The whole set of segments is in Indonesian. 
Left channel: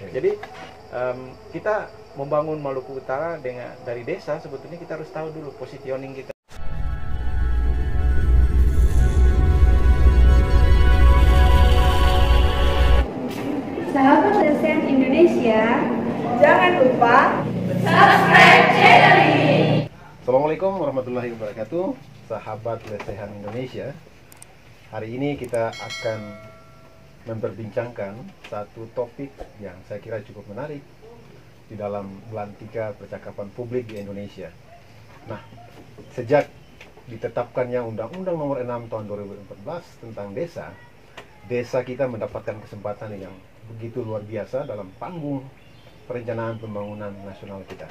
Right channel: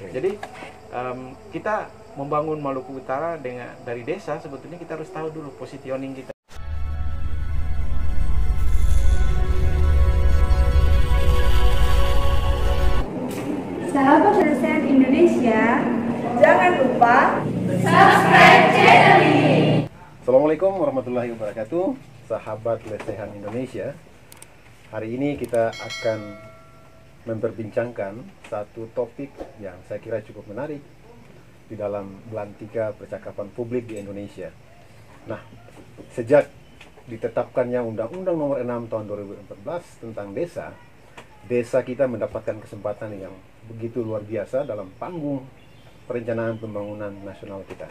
Jadi kita membangun Maluku Utara dari desa, sebetulnya kita harus tahu dulu positioning kita. Sahabat Lesehan Indonesia, jangan lupa subscribe channel ini. Assalamualaikum warahmatullahi wabarakatuh, sahabat Lesehan Indonesia. Hari ini kita akan memperbincangkan satu topik yang saya kira cukup menarik di dalam belantika percakapan publik di Indonesia. Nah, sejak ditetapkannya Undang-Undang Nomor 6 Tahun 2014 tentang desa, desa kita mendapatkan kesempatan yang begitu luar biasa dalam panggung perencanaan pembangunan nasional kita.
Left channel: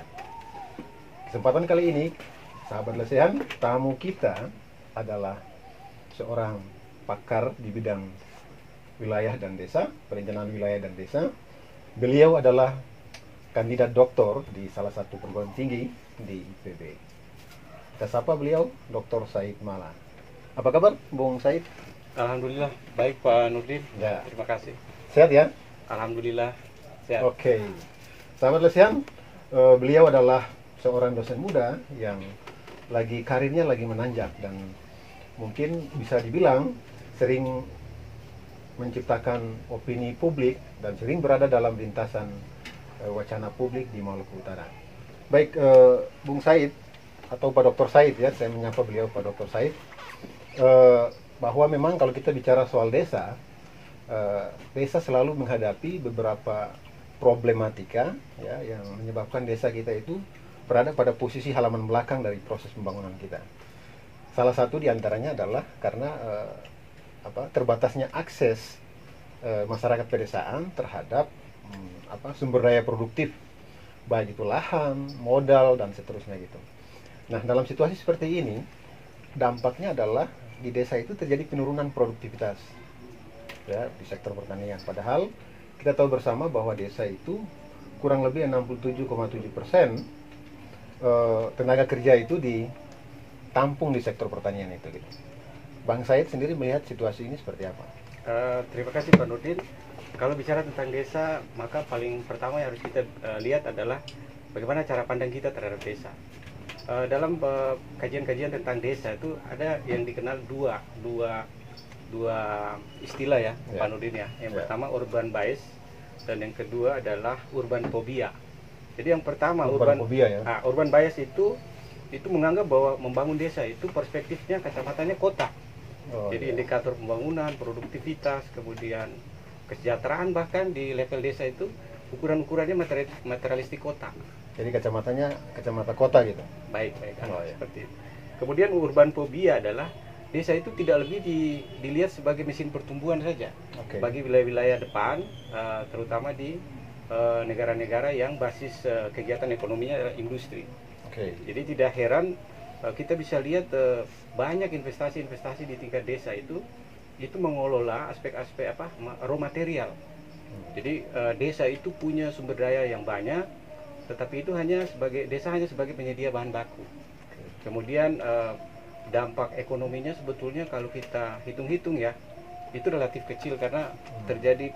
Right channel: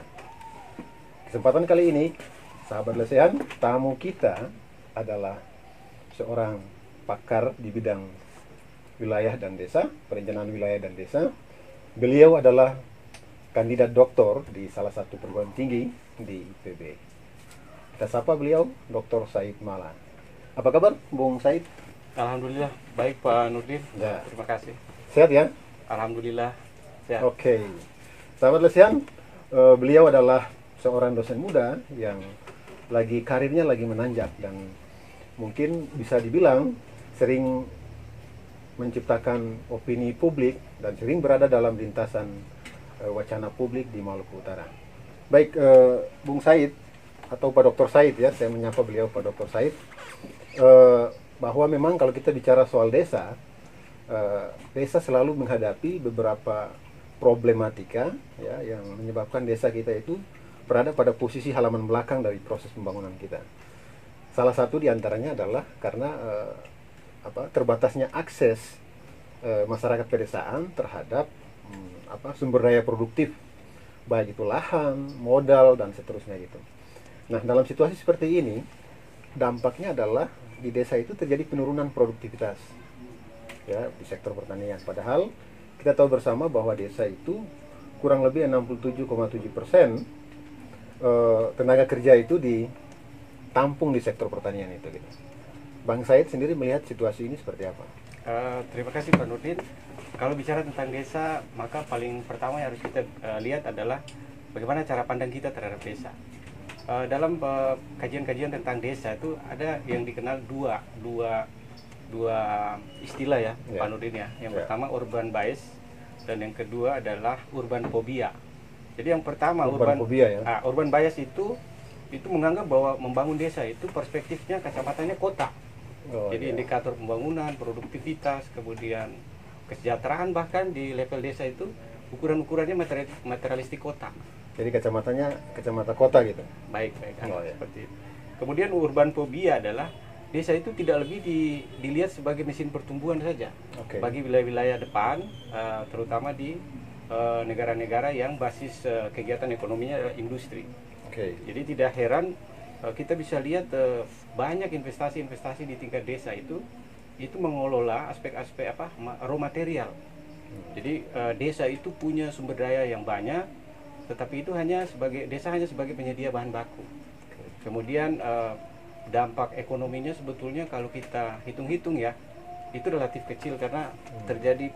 Kesempatan kali ini, sahabat Lesehan, tamu kita adalah seorang pakar di bidang wilayah dan desa, perencanaan wilayah dan desa. Beliau adalah kandidat doktor di salah satu perguruan tinggi di IPB. Kita sapa beliau, Dr. Said Mala. Apa kabar, Bung Said? Alhamdulillah, baik Pak Nurdin. Ya. Terima kasih. Sehat ya? Alhamdulillah, sehat. Oke. Sahabat Lesehan, beliau adalah seorang dosen muda yang karirnya lagi menanjak dan mungkin bisa dibilang sering menciptakan opini publik dan sering berada dalam lintasan wacana publik di Maluku Utara. Baik, Bung Said atau Pak Dr. Said ya, saya menyapa beliau Pak Dr. Said, bahwa memang kalau kita bicara soal desa, desa selalu menghadapi beberapa problematika ya, yang menyebabkan desa kita itu berada pada posisi halaman belakang dari proses pembangunan kita. Salah satu diantaranya adalah karena terbatasnya akses masyarakat pedesaan terhadap sumber daya produktif, baik itu lahan, modal, dan seterusnya gitu. Nah, dalam situasi seperti ini, dampaknya adalah di desa itu terjadi penurunan produktivitas ya, di sektor pertanian. Padahal kita tahu bersama bahwa desa itu kurang lebih 67,7% tenaga kerja itu ditampung di sektor pertanian itu gitu. Bang Said sendiri melihat situasi ini seperti apa? Terima kasih Pak Nurdin. Kalau bicara tentang desa, maka paling pertama yang harus kita lihat adalah bagaimana cara pandang kita terhadap desa. Dalam kajian-kajian tentang desa itu ada yang dikenal dua istilah ya, Pak Nurdin ya. Yang pertama urban bias dan yang kedua adalah urban phobia. Jadi yang pertama urban bias itu menganggap bahwa membangun desa itu perspektifnya kacamatanya kota. Jadi indikator pembangunan, produktivitas, kemudian kesejahteraan, bahkan di level desa itu ukuran-ukurannya materialistik kota. Jadi kacamata kota gitu. Baik. Seperti itu. Kemudian urban phobia adalah desa itu tidak lebih dilihat sebagai mesin pertumbuhan saja. Bagi wilayah-wilayah depan, terutama di negara-negara yang basis kegiatan ekonominya adalah industri. Jadi tidak heran kita bisa lihat banyak investasi-investasi di tingkat desa itu mengelola aspek-aspek raw material. Jadi desa itu punya sumber daya yang banyak, tetapi itu desa hanya sebagai penyedia bahan baku. Kemudian dampak ekonominya sebetulnya kalau kita hitung-hitung ya, itu relatif kecil karena terjadi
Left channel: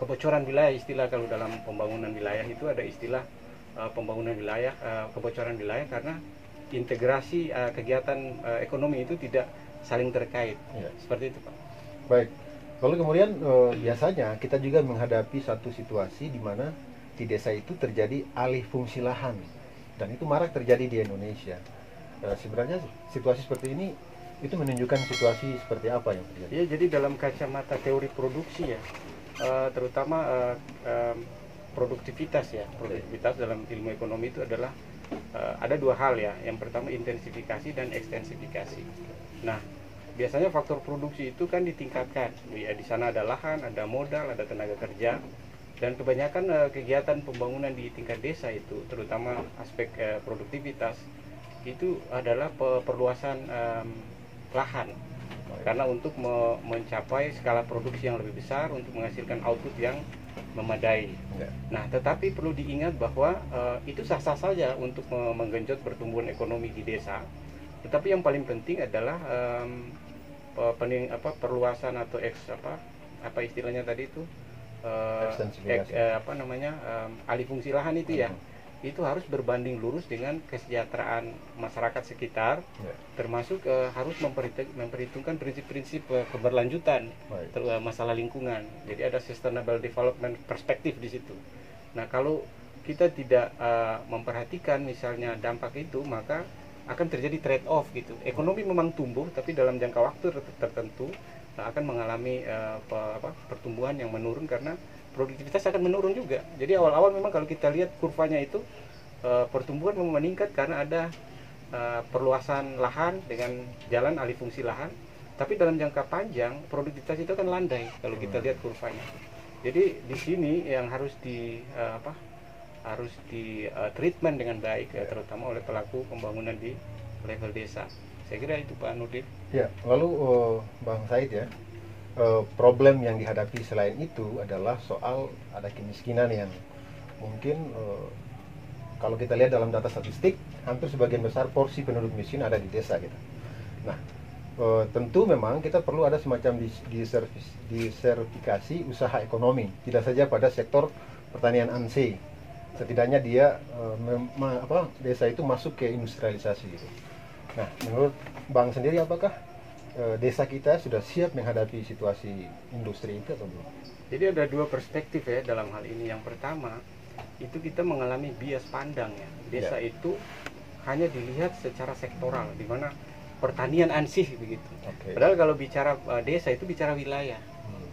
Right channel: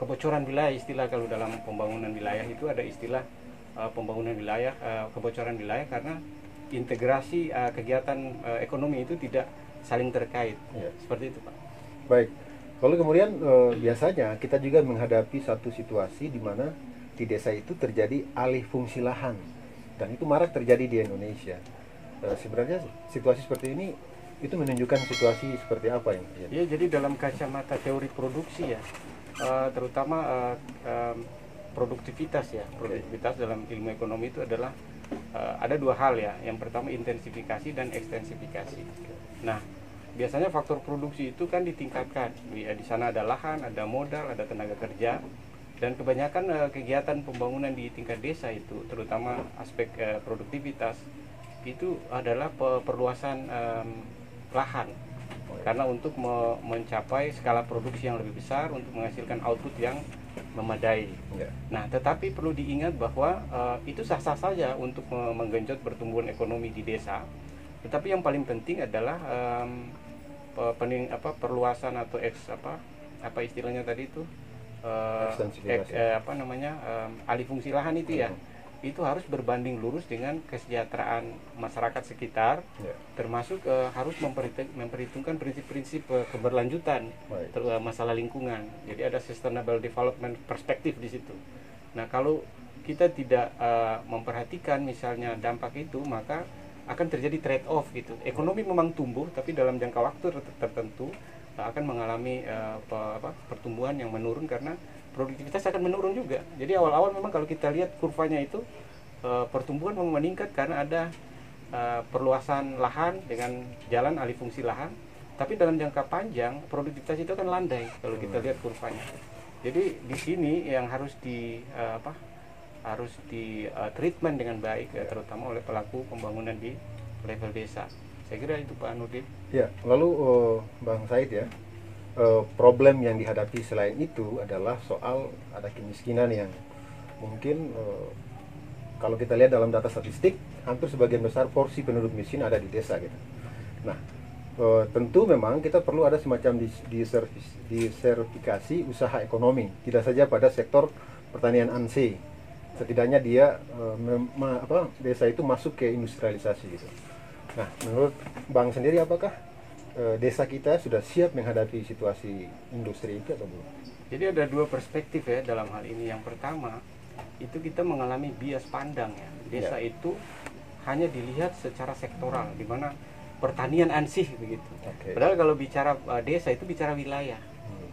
kebocoran wilayah. Istilah kalau dalam pembangunan wilayah itu ada istilah pembangunan wilayah, kebocoran wilayah karena integrasi kegiatan ekonomi itu tidak saling terkait. Seperti itu Pak. Baik. Lalu kemudian biasanya kita juga menghadapi satu situasi di mana di desa itu terjadi alih fungsi lahan, dan itu marak terjadi di Indonesia. Sebenarnya situasi seperti ini itu menunjukkan situasi seperti apa yang terjadi? Ya, jadi dalam kacamata teori produksi ya, terutama produktivitas ya. Produktivitas dalam ilmu ekonomi itu adalah ada dua hal ya. Yang pertama intensifikasi dan ekstensifikasi. Nah, biasanya faktor produksi itu kan ditingkatkan. Di sana ada lahan, ada modal, ada tenaga kerja, dan kebanyakan kegiatan pembangunan di tingkat desa itu, terutama aspek produktivitas itu adalah perluasan lahan. Karena untuk mencapai skala produksi yang lebih besar, untuk menghasilkan output yang memadai. Nah, tetapi perlu diingat bahwa itu sah-sah saja untuk menggenjot pertumbuhan ekonomi di desa. Tetapi yang paling penting adalah perluasan atau apa istilahnya tadi itu Ekstensifikasi. alih fungsi lahan itu ya, itu harus berbanding lurus dengan kesejahteraan masyarakat sekitar, termasuk harus memperhitungkan prinsip-prinsip keberlanjutan masalah lingkungan. Jadi ada sustainable development perspektif di situ. Nah, kalau kita tidak memperhatikan misalnya dampak itu, maka akan terjadi trade off gitu. Ekonomi memang tumbuh, tapi dalam jangka waktu tertentu akan mengalami pertumbuhan yang menurun karena produktivitas akan menurun juga. Jadi awal-awal memang kalau kita lihat kurvanya itu pertumbuhan memang meningkat karena ada perluasan lahan dengan jalan alih fungsi lahan, tapi dalam jangka panjang produktivitas itu akan landai kalau kita lihat kurvanya. Jadi di sini yang harus di treatment dengan baik terutama oleh pelaku pembangunan di level desa. Saya kira itu Pak Nurdin. Ya, lalu Bang Said ya, problem yang dihadapi selain itu adalah soal ada kemiskinan yang mungkin kalau kita lihat dalam data statistik, hampir sebagian besar porsi penduduk miskin ada di desa gitu. Nah, tentu memang kita perlu ada semacam disertifikasi usaha ekonomi, tidak saja pada sektor pertanian ANSE. Setidaknya dia desa itu masuk ke industrialisasi gitu. Nah, menurut Bang sendiri apakah desa kita sudah siap menghadapi situasi industri itu atau belum? Jadi ada dua perspektif ya dalam hal ini. Yang pertama, itu kita mengalami bias pandang ya. Desa itu hanya dilihat secara sektoral, di mana pertanian ansih begitu. Padahal kalau bicara desa itu bicara wilayah.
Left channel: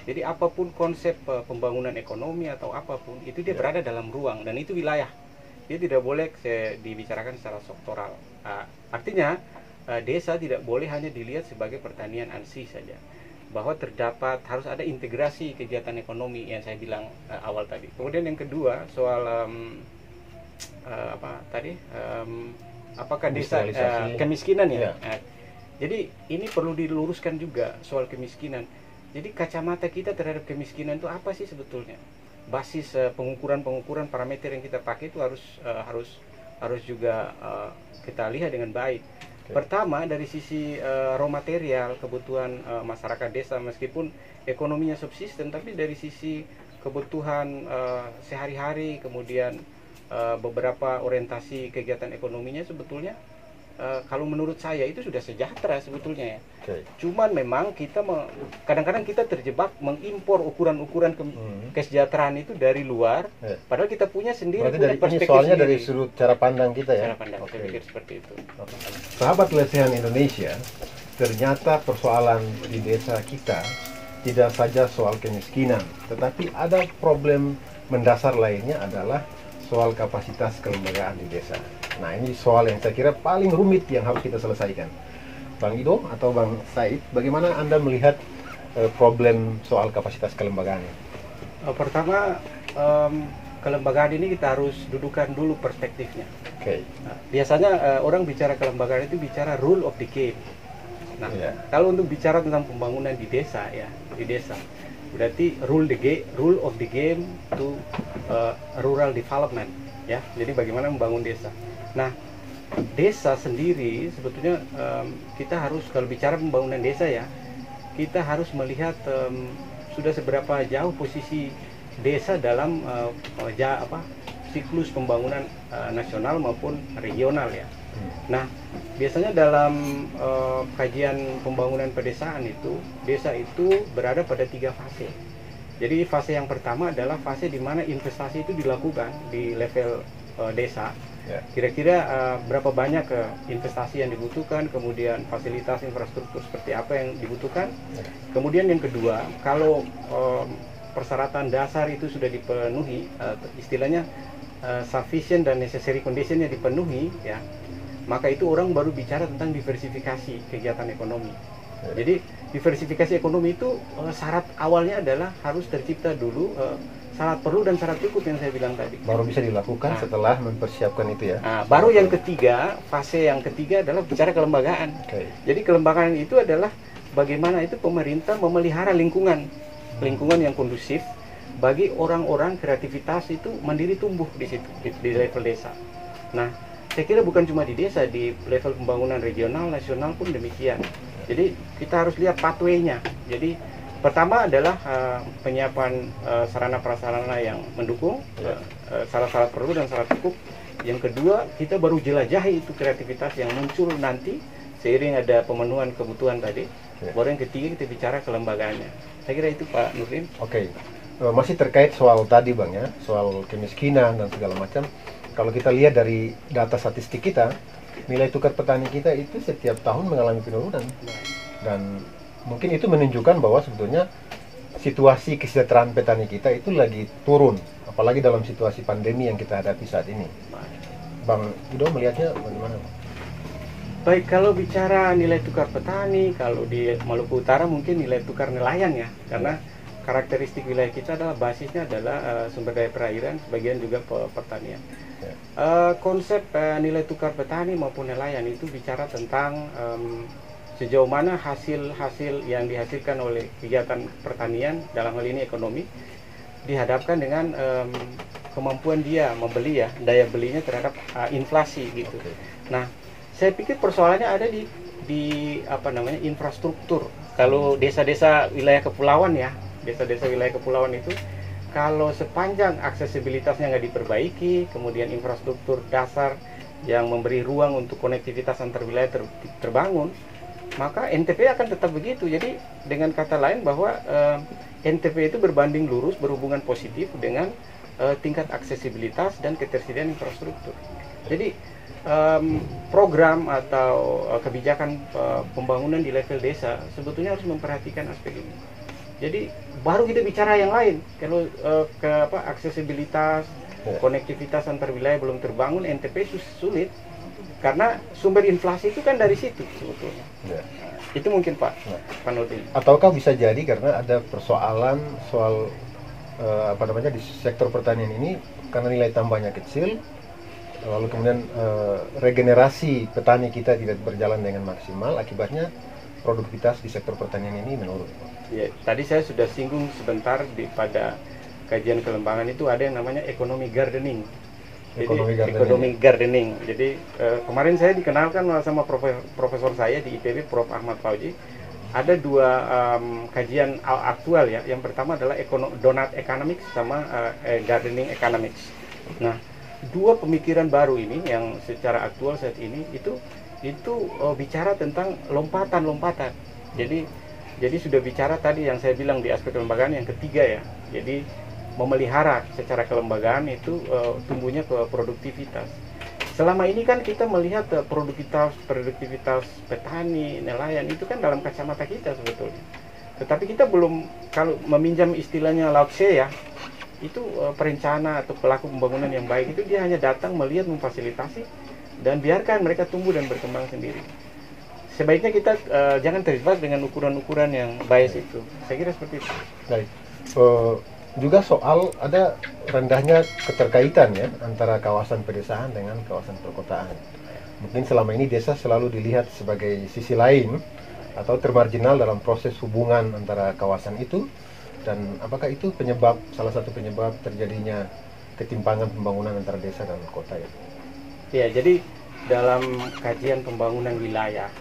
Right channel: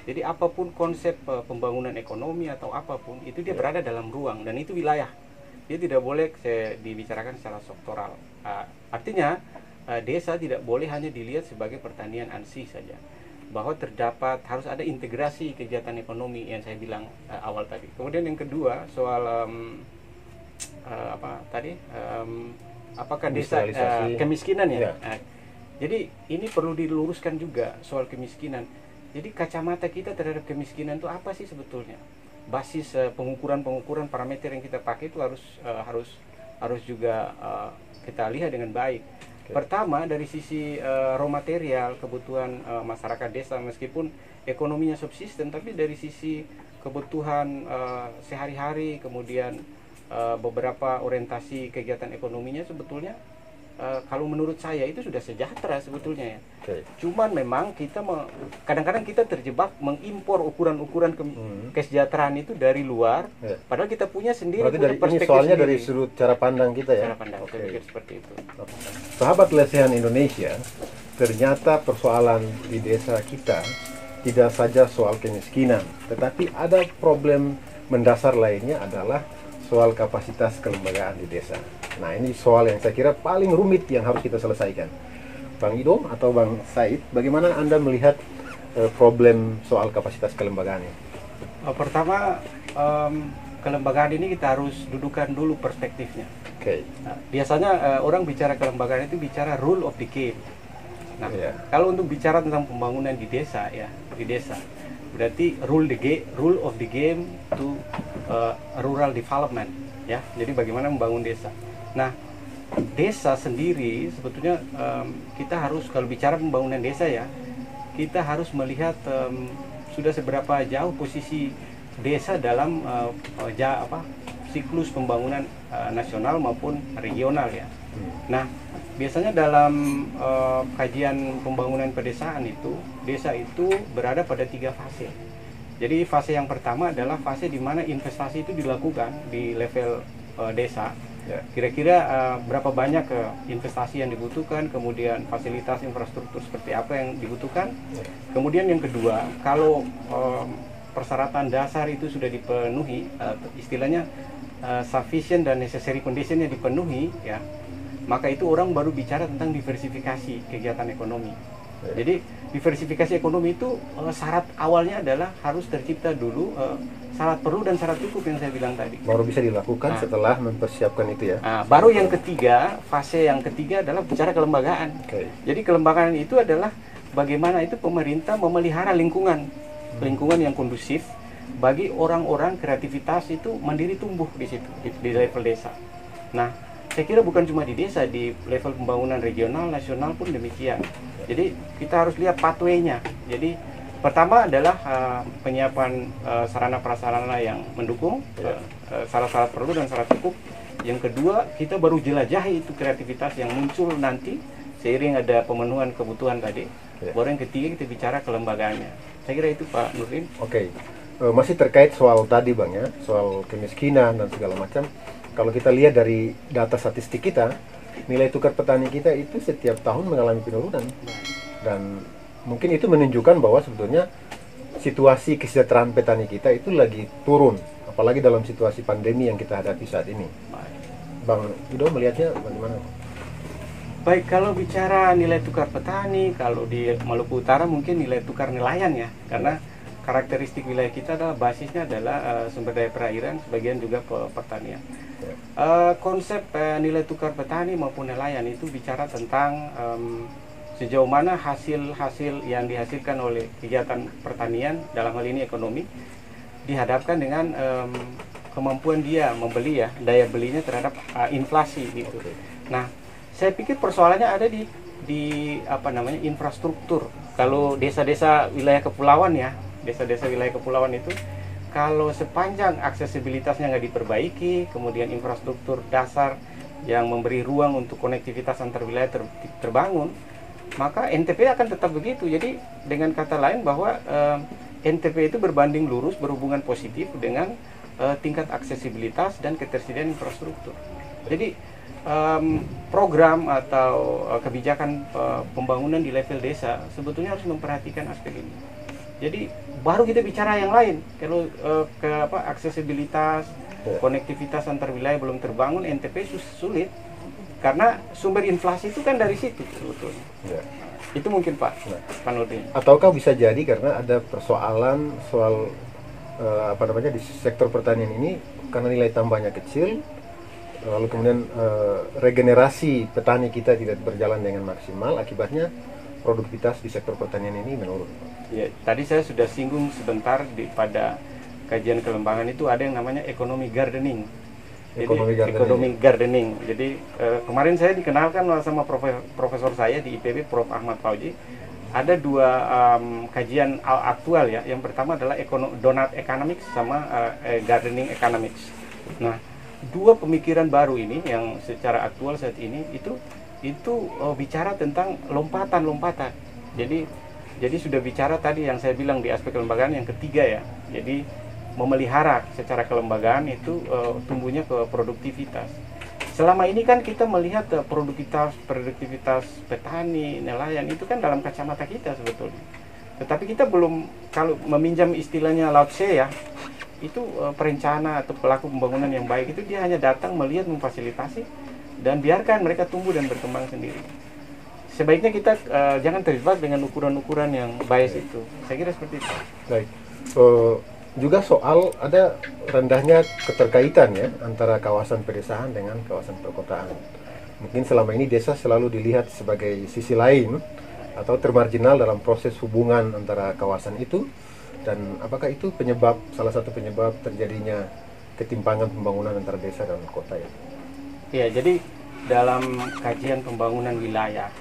Jadi apapun konsep pembangunan ekonomi atau apapun itu dia berada dalam ruang dan itu wilayah. Dia tidak boleh dibicarakan secara sektoral. Artinya desa tidak boleh hanya dilihat sebagai pertanian ansih saja. Bahwa terdapat harus ada integrasi kegiatan ekonomi yang saya bilang awal tadi. Kemudian yang kedua soal apakah desa kemiskinan ya. Jadi ini perlu diluruskan juga soal kemiskinan. Jadi kacamata kita terhadap kemiskinan itu apa sih sebetulnya? Basis pengukuran parameter yang kita pakai itu harus juga kita lihat dengan baik. Pertama dari sisi raw material kebutuhan masyarakat desa, meskipun ekonominya subsisten, tapi dari sisi kebutuhan sehari-hari, kemudian beberapa orientasi kegiatan ekonominya sebetulnya kalau menurut saya itu sudah sejahtera sebetulnya ya. Cuman memang kita kadang-kadang kita terjebak mengimpor ukuran-ukuran kesejahteraan itu dari luar, padahal kita punya sendiri. Berarti dari ini soalnya sendiri. Dari sudut cara pandang kita ya. Cara pandang, saya pikir seperti itu. Sahabat Lesehan Indonesia, ternyata persoalan di desa kita tidak saja soal kemiskinan, tetapi ada problem mendasar lainnya adalah soal kapasitas kelembagaan di desa. Nah, ini soal yang saya kira paling rumit yang harus kita selesaikan. Bang Ido atau Bang Said, bagaimana Anda melihat problem soal kapasitas kelembagaan ini? Pertama, kelembagaan ini kita harus dudukan dulu perspektifnya. Nah, biasanya orang bicara kelembagaan itu bicara rule of the game. Nah, kalau untuk bicara tentang pembangunan di desa ya, berarti rule of the game to rural development ya. Jadi bagaimana membangun desa. Nah, desa sendiri sebetulnya kita harus, kalau bicara pembangunan desa ya, kita harus melihat sudah seberapa jauh posisi desa dalam siklus pembangunan nasional maupun regional ya. Nah, biasanya dalam kajian pembangunan pedesaan itu, desa itu berada pada 3 fase. Jadi fase yang pertama adalah fase di mana investasi itu dilakukan di level desa. Kira-kira berapa banyak investasi yang dibutuhkan, kemudian fasilitas infrastruktur seperti apa yang dibutuhkan. Kemudian yang kedua, kalau persyaratan dasar itu sudah dipenuhi, istilahnya sufficient dan necessary condition-nya dipenuhi ya, maka itu orang baru bicara tentang diversifikasi kegiatan ekonomi. Jadi diversifikasi ekonomi itu syarat awalnya adalah harus tercipta dulu syarat perlu dan syarat cukup yang saya bilang tadi. Baru bisa dilakukan setelah mempersiapkan itu ya. Nah, baru yang ketiga, fase yang ketiga adalah bicara kelembagaan. Jadi kelembagaan itu adalah bagaimana itu pemerintah memelihara lingkungan yang kondusif bagi orang-orang kreativitas itu mandiri tumbuh di situ di level desa. Nah, saya kira bukan cuma di desa, di level pembangunan regional, nasional pun demikian. Jadi kita harus lihat pathway-nya. Jadi Pertama adalah penyiapan sarana prasarana yang mendukung, syarat-syarat perlu dan syarat cukup. Yang kedua, kita baru jelajahi itu kreativitas yang muncul nanti seiring ada pemenuhan kebutuhan tadi. Baru yang ketiga kita bicara kelembagaannya. Saya kira itu Pak Nurdin. Oke. Masih terkait soal tadi Bang ya, soal kemiskinan dan segala macam. Kalau kita lihat dari data statistik kita, nilai tukar petani kita itu setiap tahun mengalami penurunan. Dan mungkin itu menunjukkan bahwa sebetulnya situasi kesejahteraan petani kita itu lagi turun, apalagi dalam situasi pandemi yang kita hadapi saat ini. Bang Ido melihatnya bagaimana? Baik, kalau bicara nilai tukar petani, kalau di Maluku Utara mungkin nilai tukar nelayan ya, karena karakteristik wilayah kita adalah basisnya adalah sumber daya perairan, sebagian juga pertanian. Konsep nilai tukar petani maupun nelayan itu bicara tentang sejauh mana hasil-hasil yang dihasilkan oleh kegiatan pertanian, dalam hal ini ekonomi, dihadapkan dengan kemampuan dia membeli ya, daya belinya terhadap inflasi gitu. Nah, saya pikir persoalannya ada di apa namanya, infrastruktur. Kalau desa-desa wilayah kepulauan ya, desa-desa wilayah kepulauan itu kalau sepanjang aksesibilitasnya nggak diperbaiki, kemudian infrastruktur dasar yang memberi ruang untuk konektivitas antar wilayah terbangun, maka NTP akan tetap begitu. Jadi dengan kata lain bahwa NTP itu berbanding lurus, berhubungan positif dengan tingkat aksesibilitas dan ketersediaan infrastruktur. Jadi program atau kebijakan pembangunan di level desa sebetulnya harus memperhatikan aspek ini. Jadi baru kita bicara yang lain. Kalau aksesibilitas, konektivitas antar wilayah belum terbangun, NTP sulit karena sumber inflasi itu kan dari situ sebetulnya. Itu mungkin Pak Nurdin. Ataukah bisa jadi karena ada persoalan soal di sektor pertanian ini karena nilai tambahnya kecil, lalu kemudian regenerasi petani kita tidak berjalan dengan maksimal, akibatnya produktivitas di sektor pertanian ini menurun. Ya, tadi saya sudah singgung sebentar pada kajian kelembagaan itu ada yang namanya ekonomi gardening. Ekonomi gardening. Jadi kemarin saya dikenalkan sama profesor saya di IPB, Prof. Ahmad Fauji. Ada dua kajian aktual ya. Yang pertama adalah donut economics sama gardening economics. Nah, dua pemikiran baru ini yang secara aktual saat ini itu bicara tentang lompatan-lompatan. Jadi sudah bicara tadi yang saya bilang di aspek kelembagaan yang ketiga ya. Jadi memelihara secara kelembagaan itu tumbuhnya ke produktivitas. Selama ini kan kita melihat produktivitas petani, nelayan itu kan dalam kacamata kita sebetulnya. Tetapi kita belum, kalau meminjam istilahnya Lao Tse ya, itu perencana atau pelaku pembangunan yang baik itu dia hanya datang melihat, memfasilitasi dan biarkan mereka tumbuh dan berkembang sendiri. Sebaiknya kita jangan terjebak dengan ukuran-ukuran yang bias itu. Saya kira seperti itu. Baik. Juga soal ada rendahnya keterkaitan ya antara kawasan pedesaan dengan kawasan perkotaan. Mungkin selama ini desa selalu dilihat sebagai sisi lain atau termarginal dalam proses hubungan antara kawasan itu, dan apakah itu salah satu penyebab terjadinya ketimpangan pembangunan antara desa dan kota ya? Ya, jadi dalam kajian pembangunan wilayah,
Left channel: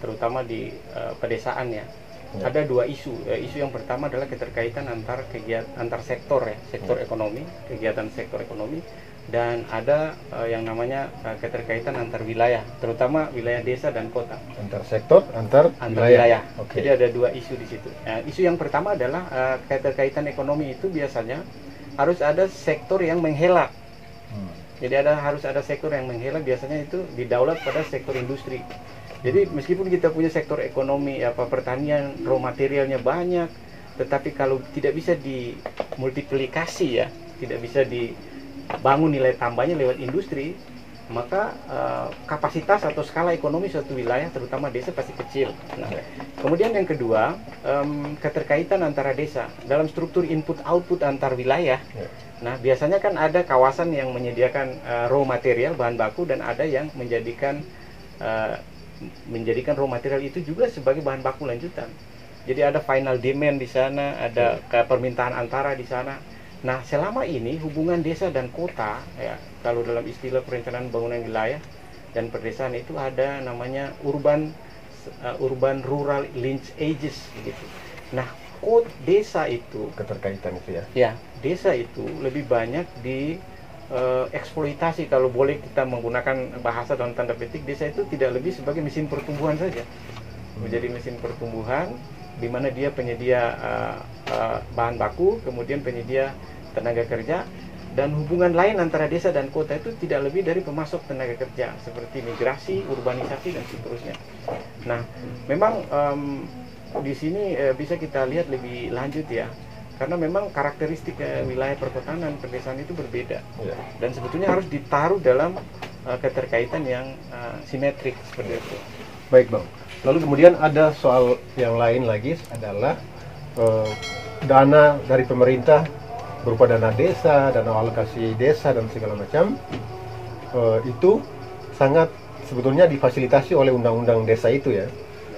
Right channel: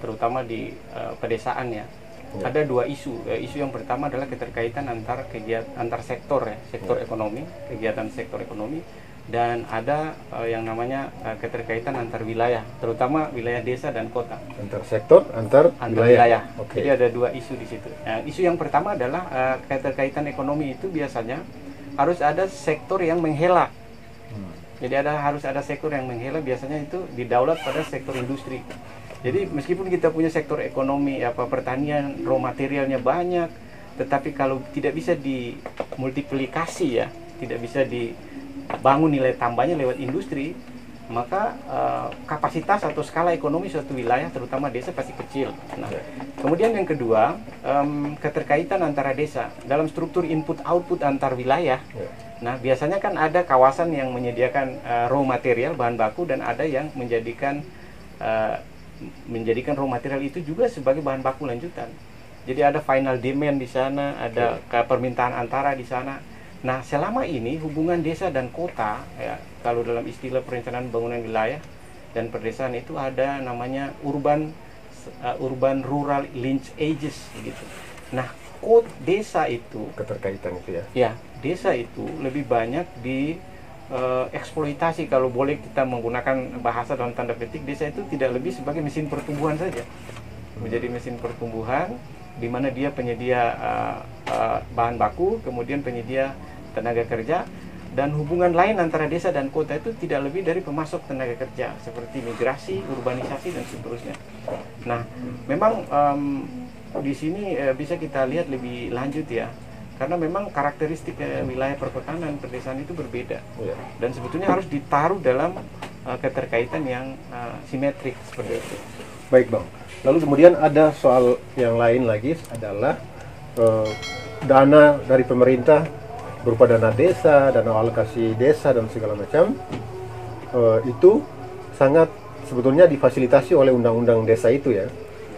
terutama di pedesaan ya, ada dua isu. Isu yang pertama adalah keterkaitan antar sektor ya, sektor ekonomi, kegiatan sektor ekonomi, dan ada yang namanya keterkaitan antar wilayah, terutama wilayah desa dan kota. Antar sektor, antar wilayah. Okay. Jadi ada dua isu di situ. Nah, isu yang pertama adalah keterkaitan ekonomi itu biasanya harus ada sektor yang menghela. Jadi harus ada sektor yang menghela, biasanya itu didaulat pada sektor industri. Jadi meskipun kita punya sektor ekonomi pertanian, raw materialnya banyak, tetapi kalau tidak bisa dimultiplikasi ya, tidak bisa dibangun nilai tambahnya lewat industri, maka kapasitas atau skala ekonomi suatu wilayah, terutama desa, pasti kecil. Nah, kemudian yang kedua, keterkaitan antara desa dalam struktur input-output antar wilayah. Nah, biasanya kan ada kawasan yang menyediakan raw material, bahan baku, dan ada yang menjadikan raw material itu juga sebagai bahan baku lanjutan. Jadi ada final demand di sana, ada permintaan antara di sana. Nah, selama ini hubungan desa dan kota ya, kalau dalam istilah perencanaan pembangunan wilayah dan perdesaan itu ada namanya urban rural linkages gitu. Nah, desa itu keterkaitan itu ya. Ya, desa itu lebih banyak di eksploitasi, kalau boleh kita menggunakan bahasa dalam tanda petik. Desa itu tidak lebih sebagai mesin pertumbuhan saja, menjadi mesin pertumbuhan di mana dia penyedia bahan baku, kemudian penyedia tenaga kerja, dan hubungan lain antara desa dan kota itu tidak lebih dari pemasok tenaga kerja seperti migrasi, urbanisasi dan seterusnya. Nah, memang di sini bisa kita lihat lebih lanjut ya, karena memang karakteristik wilayah perkotaan dan pedesaan itu berbeda, dan sebetulnya harus ditaruh dalam keterkaitan yang simetrik seperti itu. Baik Bang, lalu kemudian ada soal yang lain lagi adalah dana dari pemerintah berupa dana desa, dana alokasi desa dan segala macam, itu sangat sebetulnya difasilitasi oleh undang-undang desa itu ya.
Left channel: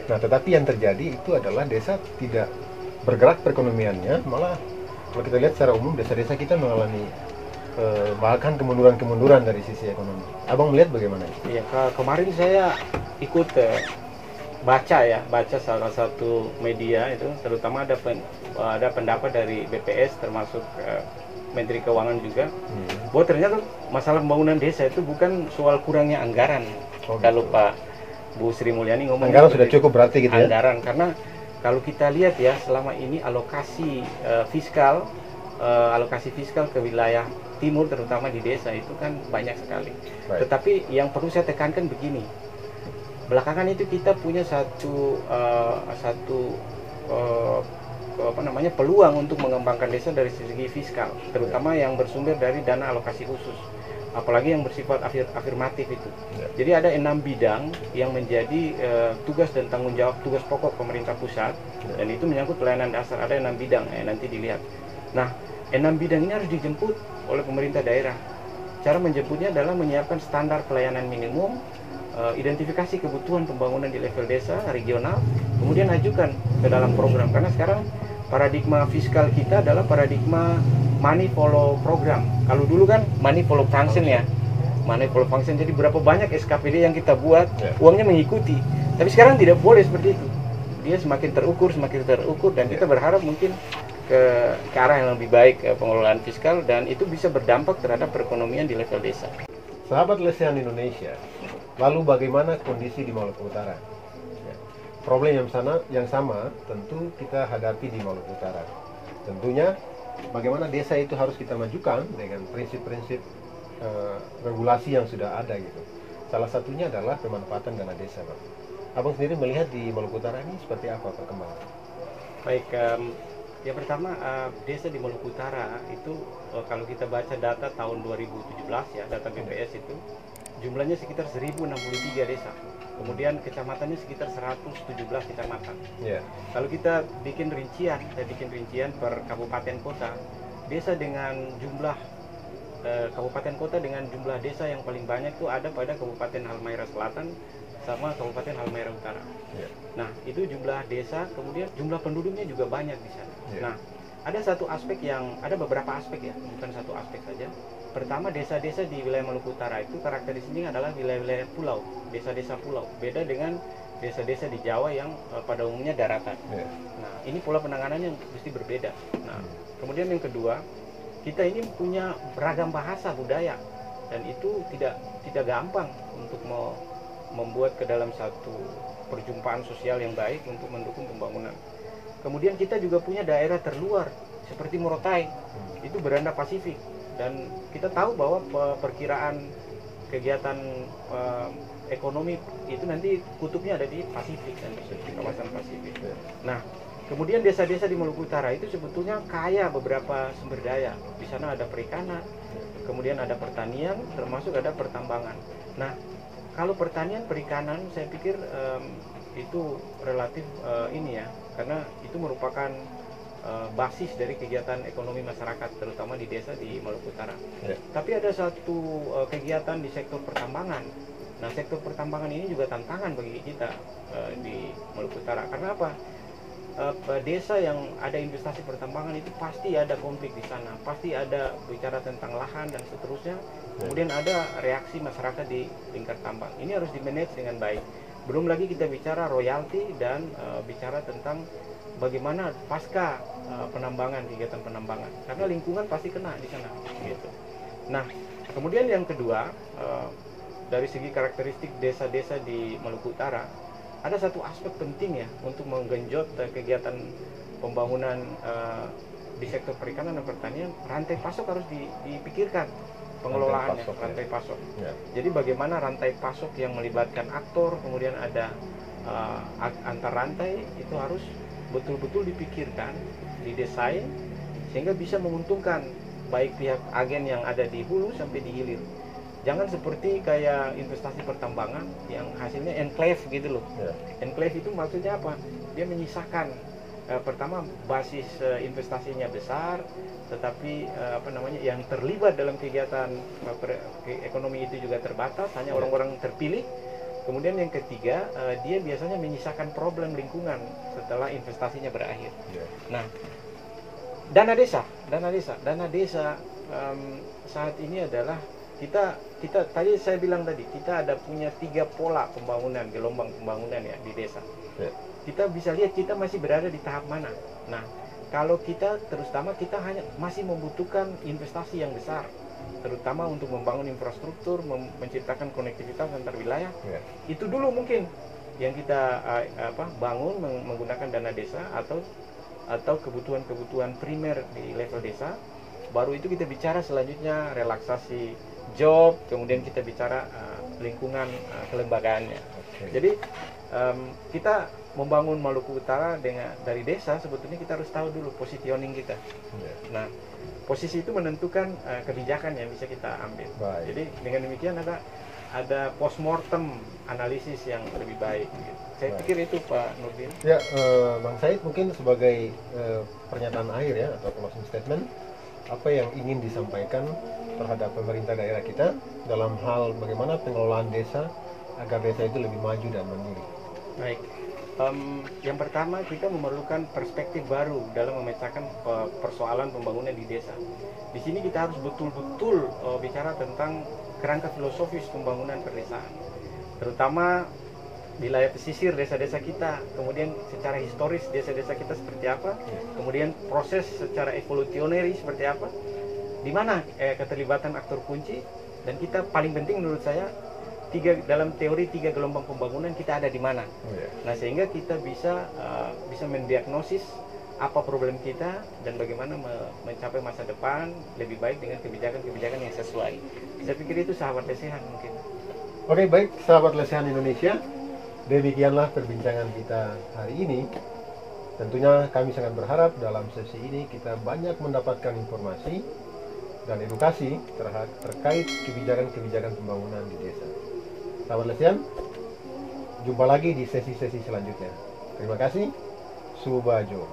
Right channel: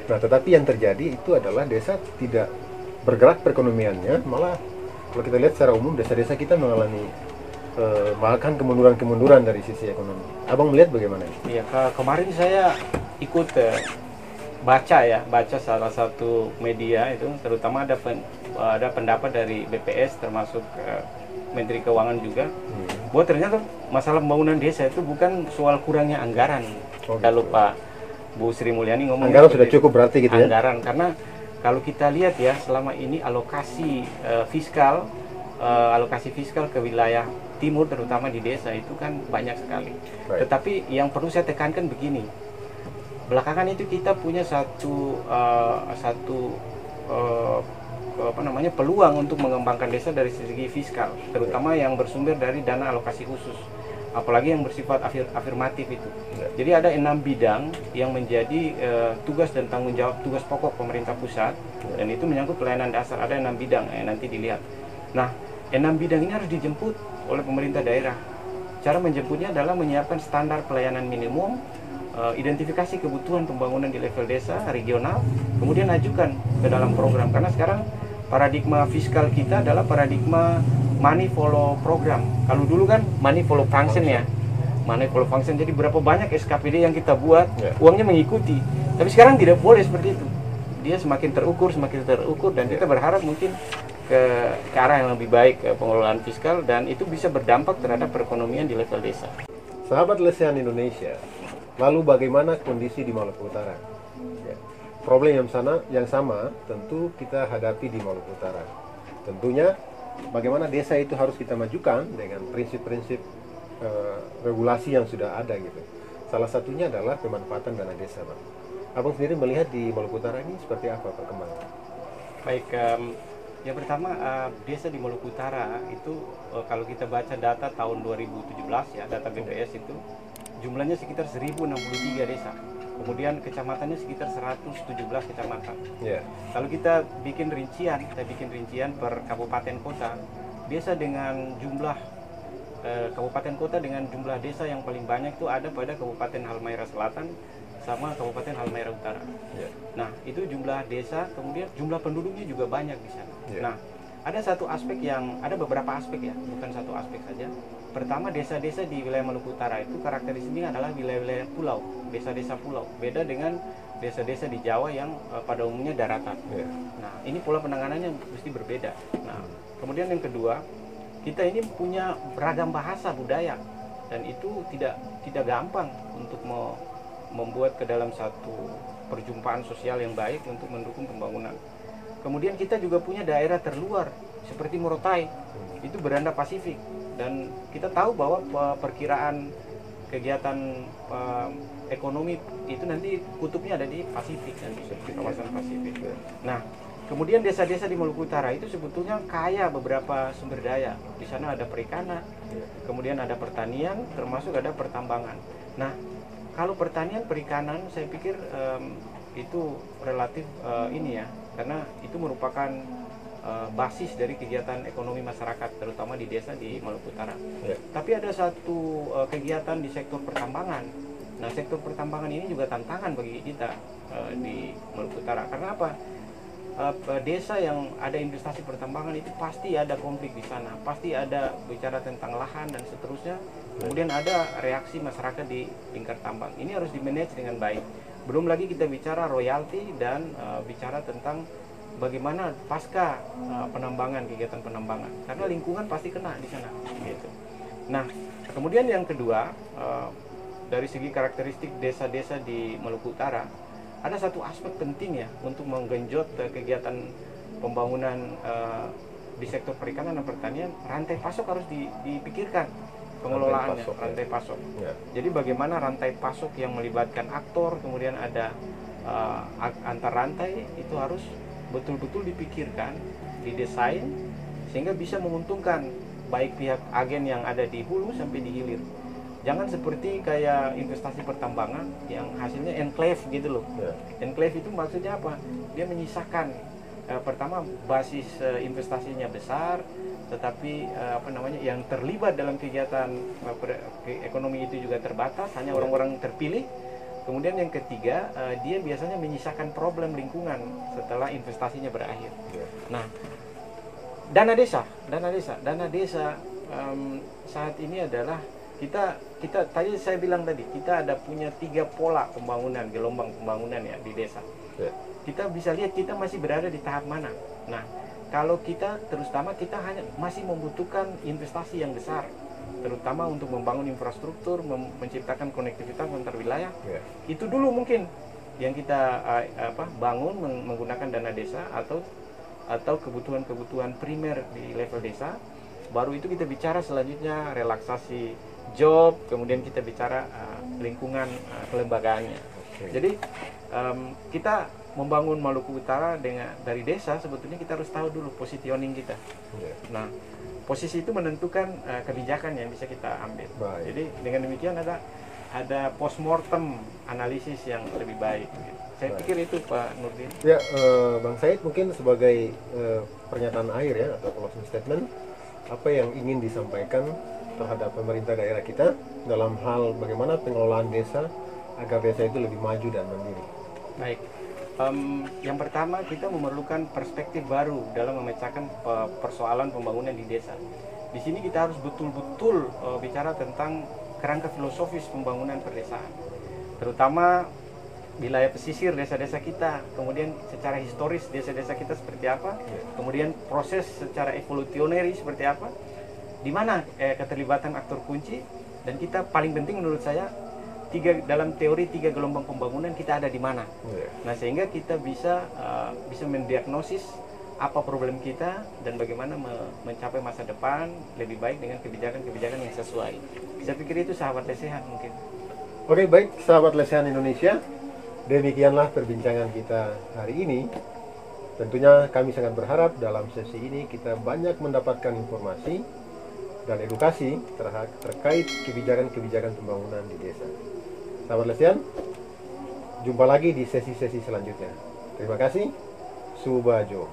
Nah, tetapi yang terjadi itu adalah desa tidak bergerak perekonomiannya, malah kalau kita lihat secara umum desa-desa kita mengalami bahkan kemunduran-kemunduran dari sisi ekonomi. Abang melihat bagaimana? Iya, kemarin saya ikut baca salah satu media itu, terutama ada pendapat dari BPS termasuk Menteri Keuangan juga, bahwa ternyata masalah pembangunan desa itu bukan soal kurangnya anggaran. Kalau Pak Bu Sri Mulyani ngomong anggaran sudah cukup berarti gitu ya. Anggaran, karena kalau kita lihat ya selama ini alokasi fiskal ke wilayah timur terutama di desa itu kan banyak sekali. Tetapi yang perlu saya tekankan begini, belakangan itu kita punya satu peluang untuk mengembangkan desa dari segi fiskal, terutama yang bersumber dari dana alokasi khusus, apalagi yang bersifat afirmatif itu. Jadi ada 6 bidang yang menjadi tugas dan tanggung jawab, tugas pokok pemerintah pusat, dan itu menyangkut pelayanan dasar. Ada 6 bidang, nanti dilihat. Nah, 6 bidang ini harus dijemput oleh pemerintah daerah. Cara menjemputnya adalah menyiapkan standar pelayanan minimum, identifikasi kebutuhan pembangunan di level desa, regional, kemudian ajukan ke dalam program. Karena sekarang paradigma fiskal kita adalah paradigma money follow program. Kalau dulu kan money follow function ya, money follow function. Jadi berapa banyak SKPD yang kita buat, uangnya mengikuti. Tapi sekarang tidak boleh seperti itu. Dia semakin terukur, dan kita berharap mungkin ke arah yang lebih baik pengelolaan fiskal, dan itu bisa berdampak terhadap perekonomian di level desa. Sahabat Lesehan Indonesia, lalu bagaimana kondisi di Maluku Utara? Problem yang sama tentu kita hadapi di Maluku Utara. Tentunya bagaimana desa itu harus kita majukan dengan prinsip-prinsip regulasi yang sudah ada gitu. Salah satunya adalah pemanfaatan dana desa, Bang. Abang sendiri melihat di Maluku Utara ini seperti apa perkembangan? Baik, yang pertama desa di Maluku Utara itu kalau kita baca data tahun 2017 ya, data BPS itu jumlahnya sekitar 1063 desa. Kemudian kecamatannya sekitar 117 kecamatan. Kalau kita bikin rincian per kabupaten kota, desa dengan jumlah kabupaten kota dengan jumlah desa yang paling banyak itu ada pada Kabupaten Halmahera Selatan sama Kabupaten Halmahera Utara. Nah, itu jumlah desa, kemudian jumlah penduduknya juga banyak di sana. Nah, ada beberapa aspek ya, bukan satu aspek saja. Pertama, desa-desa di wilayah Maluku Utara itu karakteristiknya adalah wilayah-wilayah pulau, desa-desa pulau. Beda dengan desa-desa di Jawa yang pada umumnya daratan. Nah, ini pola penanganannya mesti berbeda. Nah, kemudian yang kedua, kita ini punya beragam bahasa budaya, dan itu tidak gampang untuk membuat ke dalam satu perjumpaan sosial yang baik untuk mendukung pembangunan. Kemudian kita juga punya daerah terluar seperti Morotai, itu beranda Pasifik, dan kita tahu bahwa perkiraan kegiatan ekonomi itu nanti kutubnya ada di Pasifik dan di kawasan Pasifik. Nah, kemudian desa-desa di Maluku Utara itu sebetulnya kaya beberapa sumber daya. Di sana ada perikanan, kemudian ada pertanian, termasuk ada pertambangan. Nah, kalau pertanian perikanan saya pikir itu relatif karena itu merupakan basis dari kegiatan ekonomi masyarakat, terutama di desa di Maluku Utara. Tapi ada satu kegiatan di sektor pertambangan. Nah, sektor pertambangan ini juga tantangan bagi kita di Maluku Utara. Karena apa? Desa yang ada investasi pertambangan itu pasti ada konflik di sana, pasti ada bicara tentang lahan dan seterusnya. Kemudian ada reaksi masyarakat di lingkar tambang. Ini harus dimanage dengan baik. Belum lagi kita bicara royalti dan bicara tentang bagaimana pasca penambangan, kegiatan penambangan, karena lingkungan pasti kena di sana gitu. Nah, kemudian yang kedua, dari segi karakteristik desa-desa di Maluku Utara, ada satu aspek penting ya untuk menggenjot kegiatan pembangunan di sektor perikanan dan pertanian. Rantai pasok harus dipikirkan, pengelolaannya rantai pasok. Ya. Jadi bagaimana rantai pasok yang melibatkan aktor, kemudian ada antar rantai, itu harus betul-betul dipikirkan, didesain sehingga bisa menguntungkan baik pihak agen yang ada di hulu sampai di hilir. Jangan seperti kayak investasi pertambangan yang hasilnya enclave gitu loh. Yeah. Enclave itu maksudnya apa? Dia menyisakan pertama basis investasinya besar, tetapi yang terlibat dalam kegiatan ekonomi itu juga terbatas, hanya orang-orang terpilih. Kemudian yang ketiga, dia biasanya menyisakan problem lingkungan setelah investasinya berakhir. Yeah. Nah, dana desa saat ini adalah kita tadi saya bilang tadi, kita ada punya 3 pola pembangunan, gelombang pembangunan ya di desa. Yeah. Kita bisa lihat kita masih berada di tahap mana. Nah, kalau kita terutama kita hanya masih membutuhkan investasi yang besar, terutama untuk membangun infrastruktur, menciptakan konektivitas antar wilayah. Yeah. Itu dulu mungkin yang kita bangun menggunakan dana desa atau kebutuhan-kebutuhan primer di level desa. Baru itu kita bicara selanjutnya relaksasi job, kemudian kita bicara lingkungan kelembagaannya. Okay. Jadi kita membangun Maluku Utara dari desa, sebetulnya kita harus tahu dulu positioning kita. Yeah. Nah, posisi itu menentukan kebijakan yang bisa kita ambil. Baik. Jadi dengan demikian ada postmortem analisis yang lebih baik. Gitu. Saya pikir itu Pak Nurdin. Ya, Bang Said, mungkin sebagai pernyataan akhir ya atau closing statement, apa yang ingin disampaikan terhadap pemerintah daerah kita dalam hal bagaimana pengelolaan desa agar desa itu lebih maju dan mandiri? Baik. Yang pertama, kita memerlukan perspektif baru dalam memecahkan persoalan pembangunan di desa. Di sini kita harus betul-betul bicara tentang kerangka filosofis pembangunan perdesaan, terutama wilayah pesisir desa-desa kita, kemudian secara historis desa-desa kita seperti apa, kemudian proses secara evolutionary seperti apa, di mana keterlibatan aktor kunci, dan kita paling penting menurut saya dalam teori 3 gelombang pembangunan kita ada di mana. Nah, sehingga kita bisa mendiagnosis apa problem kita dan bagaimana mencapai masa depan lebih baik dengan kebijakan-kebijakan yang sesuai. Saya pikir itu sahabat lesehan mungkin. Oke, baik sahabat lesehan Indonesia, demikianlah perbincangan kita hari ini. Tentunya kami sangat berharap dalam sesi ini kita banyak mendapatkan informasi dan edukasi terkait kebijakan-kebijakan pembangunan di desa. Sahabat lesehan, jumpa lagi di sesi-sesi selanjutnya. Terima kasih. Subajo.